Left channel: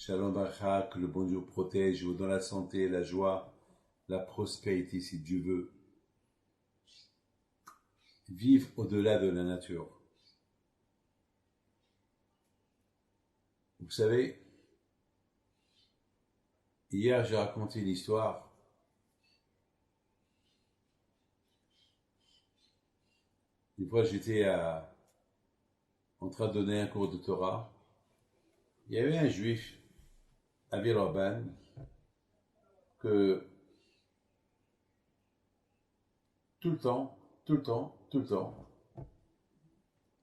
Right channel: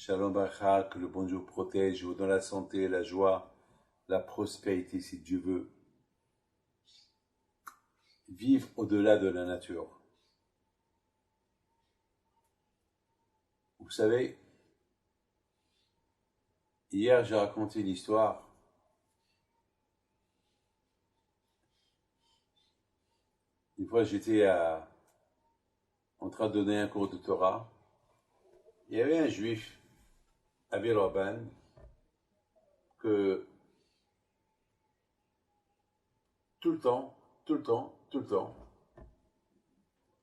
Shalom Bacha, que le bon Dieu protège, vous donne la santé, la joie, la prospérité si Dieu veut. Vivre au-delà de la nature. Vous savez, hier j'ai raconté une histoire. Une fois j'étais en train de donner un cours de Torah. Il y avait un juif à Villeurbanne que tout le temps,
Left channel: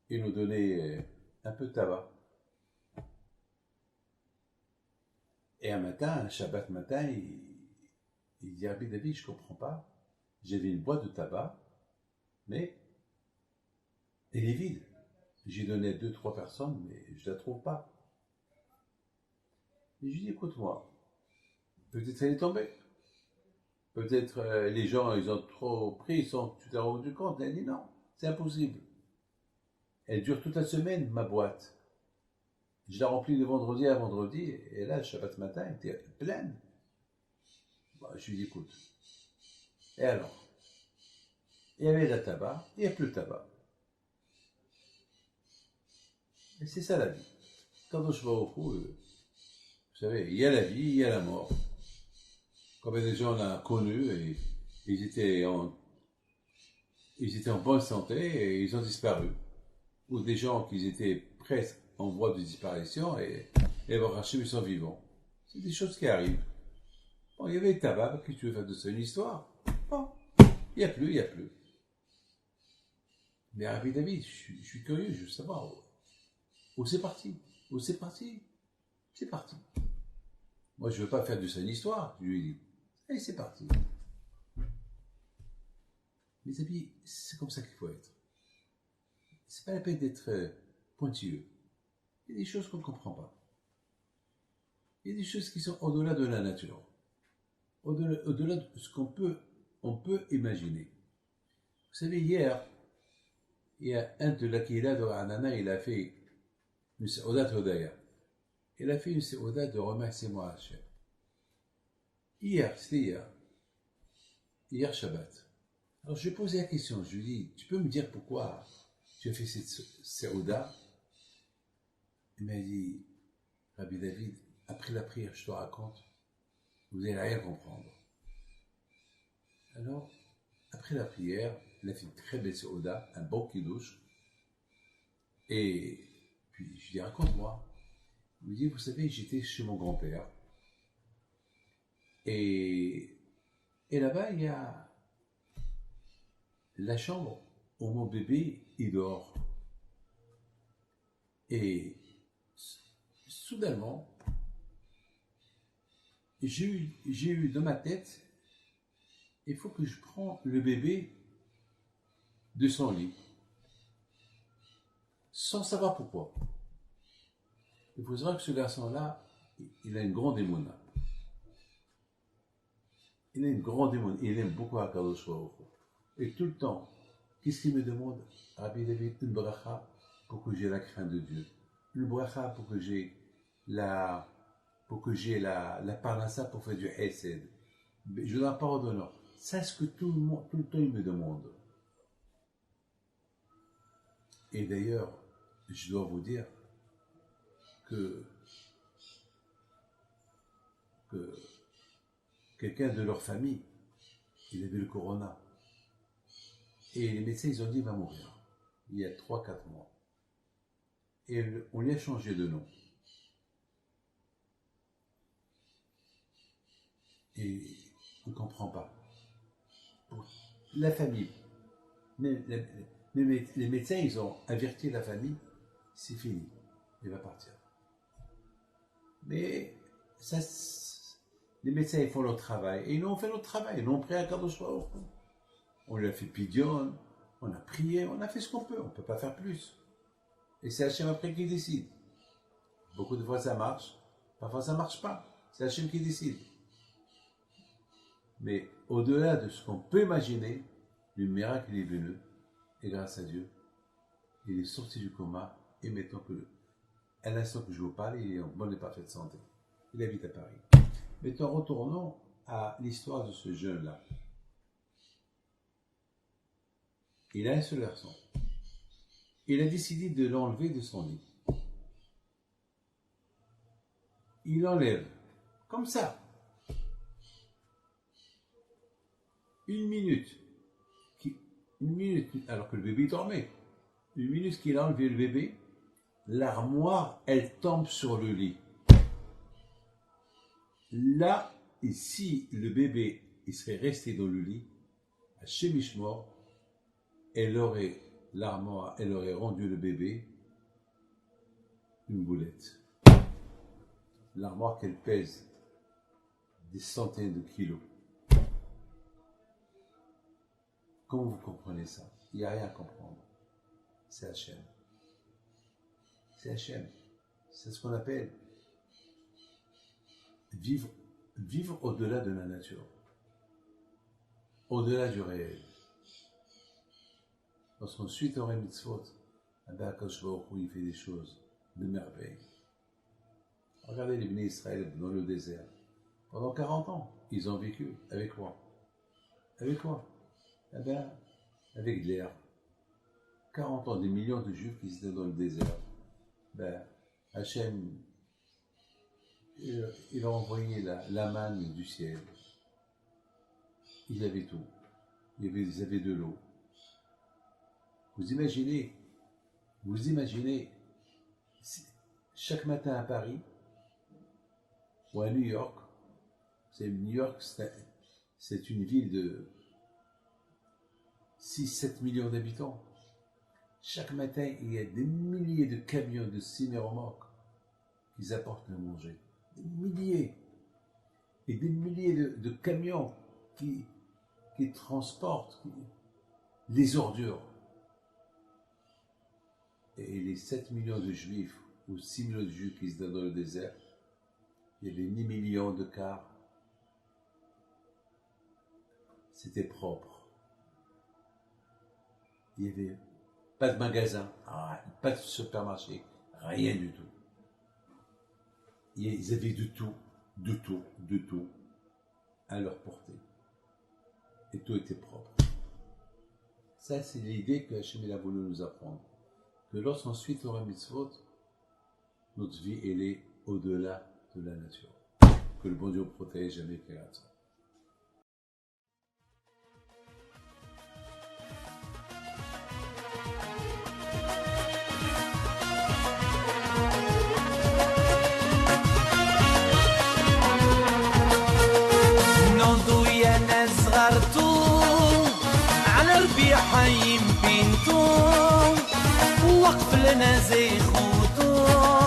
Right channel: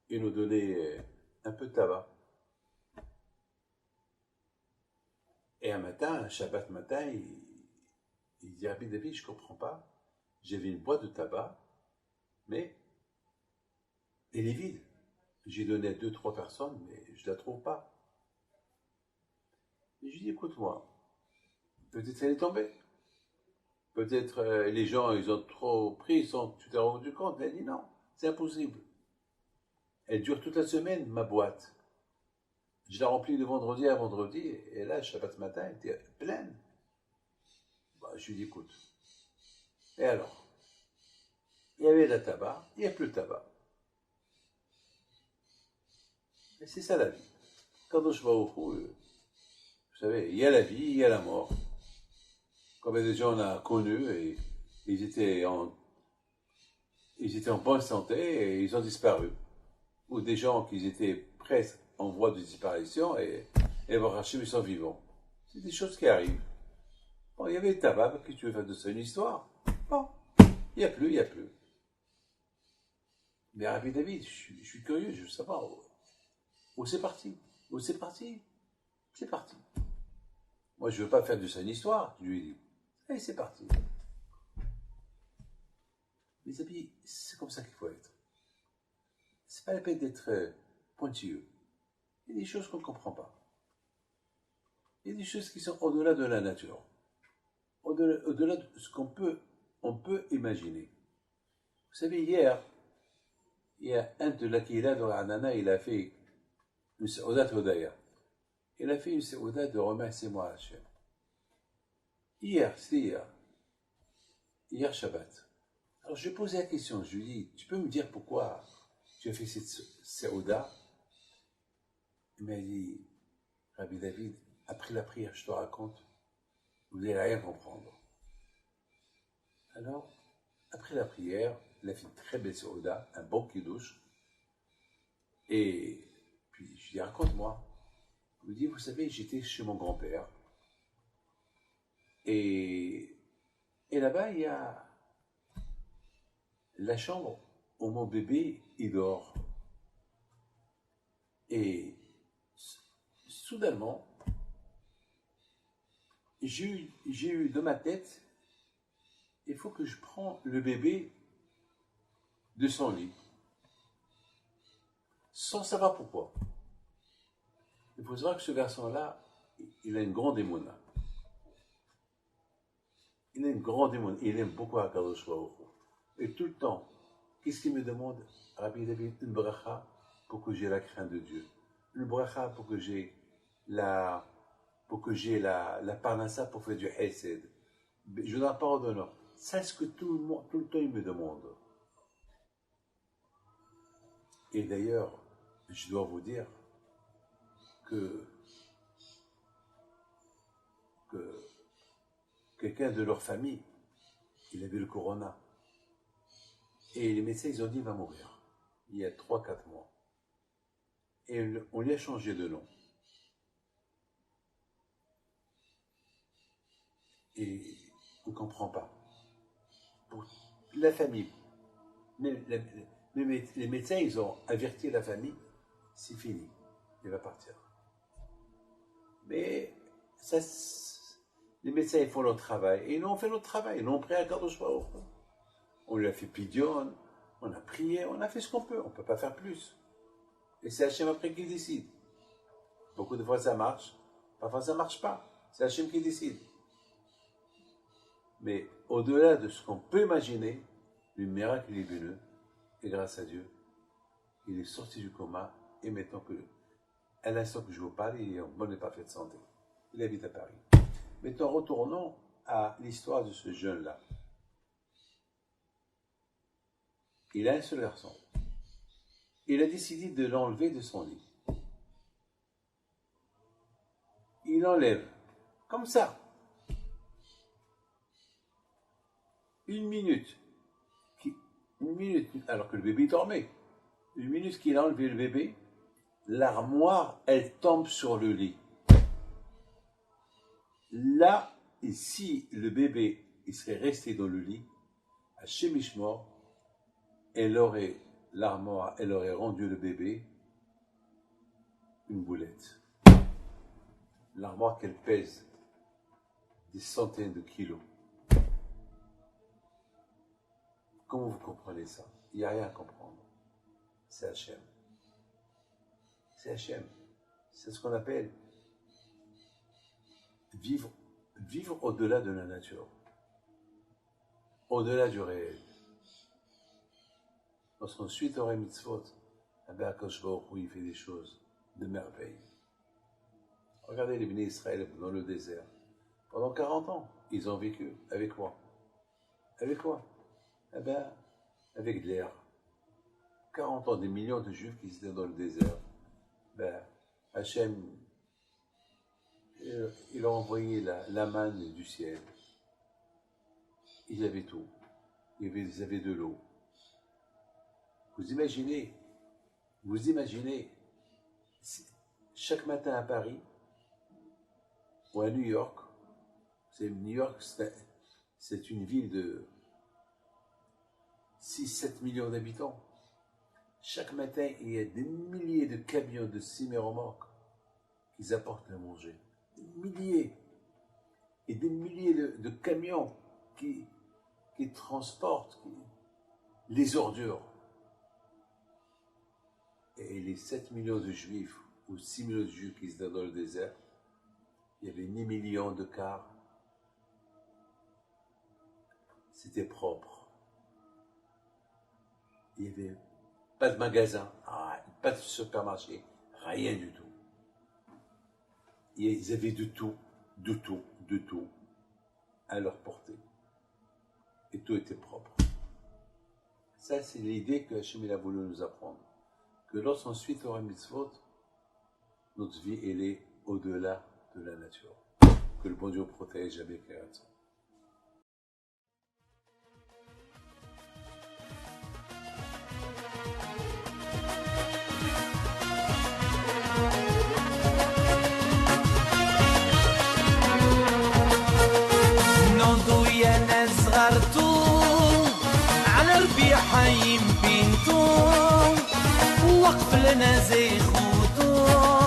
il nous donnait un peu de tabac. Et un matin, un Shabbat matin, il dit Rabbi David, je ne comprends pas. J'avais une boîte de tabac, mais elle est vide. J'ai donné à 2-3 personnes, mais je ne la trouve pas. Et je lui dis, écoute-moi, peut-être elle est tombée. Peut-être les gens, ils ont trop pris, tu t'es rendu compte. Elle dit non, c'est impossible. Elle dure toute la semaine, ma boîte. Je la remplis de vendredi à vendredi, et là, Shabbat matin, elle était pleine. Bah, je lui dis, écoute. Et alors, il y avait de la tabac, il n'y a plus de tabac. Et c'est ça la vie. Quand je vais au fou, vous savez, il y a la vie, il y a la mort. Comme des gens on a connus, et ils étaient en bonne santé, et ils ont disparu. Ou des gens qui étaient presque en voie de disparition, et Hachem, ils sont vivants. C'est des choses qui arrivent. Bon, il y avait le tabac, qu'est-ce que tu veux faire de ça, une histoire? Bon, il n'y a plus, il n'y a plus. Mais Rabbi David, je suis curieux, je veux savoir où c'est parti. Où c'est parti? C'est parti. Moi, je ne veux pas faire de ça une histoire, je lui ai dit. Allez, c'est parti. Mes amis, c'est comme ça qu'il faut être. C'est pas la peine d'être pointilleux. Il y a des choses qu'on ne comprend pas. Il y a des choses qui sont au-delà de la nature. Au-delà de ce on peut imaginer. Vous savez, hier, il y a un de la Kihila de Ranana, il a fait une Seudat Hodaya. Il a fait une Seudat de remerciement à Hachem. C'était hier Shabbat. Alors je lui ai posé la question, je lui ai dit, tu peux me dire pourquoi tu as fait cette Seudat? Il m'a dit, Rabbi David, après la prière, je te raconte, vous n'allez rien comprendre. Alors, après la prière, il a fait une très belle Seudat, un bon kiddush. Et puis, je lui dis, raconte-moi. Il me dit, vous savez, j'étais chez mon grand-père. Et là-bas, il y a la chambre où mon bébé, il dort. Et soudainement, j'ai eu dans ma tête, il faut que je prends le bébé de son lit. Sans savoir pourquoi. Il faut savoir que ce garçon-là, il a une grande émouna. Il a une grande émouna. Il aime beaucoup Akadosh Baruch Hu. Et tout le temps, qu'est-ce qu'il me demande? Rabbi David, une bracha pour que j'ai la crainte de Dieu. Une bracha pour que j'ai la parnassa pour faire du hesed. Je donne la parole d'honneur. C'est ce que tout le temps il me demande. Et d'ailleurs, je dois vous dire que quelqu'un de leur famille, il avait le corona. Et les médecins, ils ont dit, il va mourir. Il y a 3-4 mois. Et on lui a changé de nom. Et on ne comprend pas. Pour la famille, les médecins, ils ont averti la famille, c'est fini, il va partir. Mais ça, les médecins, ils font leur travail, et nous, on fait notre travail. Nous, on prie à Kadosh Baruch Hu. On lui a fait pidion, on a prié, on a fait ce qu'on peut. On ne peut pas faire plus. Et c'est Hachem après qui décide. Beaucoup de fois, ça marche. Parfois, ça ne marche pas. C'est Hachem qui décide. Mais au-delà de ce qu'on peut imaginer, le miracle est venu. Et grâce à Dieu, il est sorti du coma. Et maintenant à l'instant que je vous parle, il est en bonne et parfaite santé. Il habite à Paris. Maintenant, retournons à l'histoire de ce jeune-là. Il a un seul garçon. Il a décidé de l'enlever de son lit. Il l'enlève, comme ça. Une minute, alors que le bébé dormait. Une minute qu'il a enlevé le bébé, l'armoire, elle tombe sur le lit. Là, et si le bébé il serait resté dans le lit, à Chemichmor, l'armoire, elle aurait rendu le bébé une boulette. L'armoire qu'elle pèse des centaines de kilos. Comment vous comprenez ça? Il n'y a rien à comprendre. C'est Hachem. C'est Hachem. C'est ce qu'on appelle vivre au-delà de la nature. Au-delà du réel. Lorsqu'on suit Torah et Mitzvot, Akadosh Baruch Hu, il fait des choses de merveille. Regardez les Bnei Israël dans le désert. Pendant 40 ans, ils ont vécu. Avec quoi? Avec quoi? Eh bien, avec de l'air. 40 ans, des millions de Juifs qui étaient dans le désert. Ben, Hachem, il a envoyé la manne du ciel. Ils avaient tout. Ils avaient de l'eau. Vous imaginez, chaque matin à Paris ou à New York, New York, c'est une ville de 6-7 millions d'habitants. Chaque matin, il y a des milliers de camions de semi-remorques qui apportent à manger. Des milliers. Et des milliers de camions qui transportent les ordures. Et les 7 millions de juifs, ou 6 millions de juifs qui étaient dans le désert, il y avait ni millions de cars. C'était propre. Il n'y avait pas de magasin, pas de supermarché, rien du tout. Ils avaient de tout à leur portée. Et tout était propre. Ça, c'est l'idée que Hachem a voulu nous apprendre. Que lorsqu'on suit Torah Mitzvot, notre vie, elle est au-delà de la nature. Que le bon Dieu protège avec ça. على ربيع حيم بنتو وقف لنا زي خوتو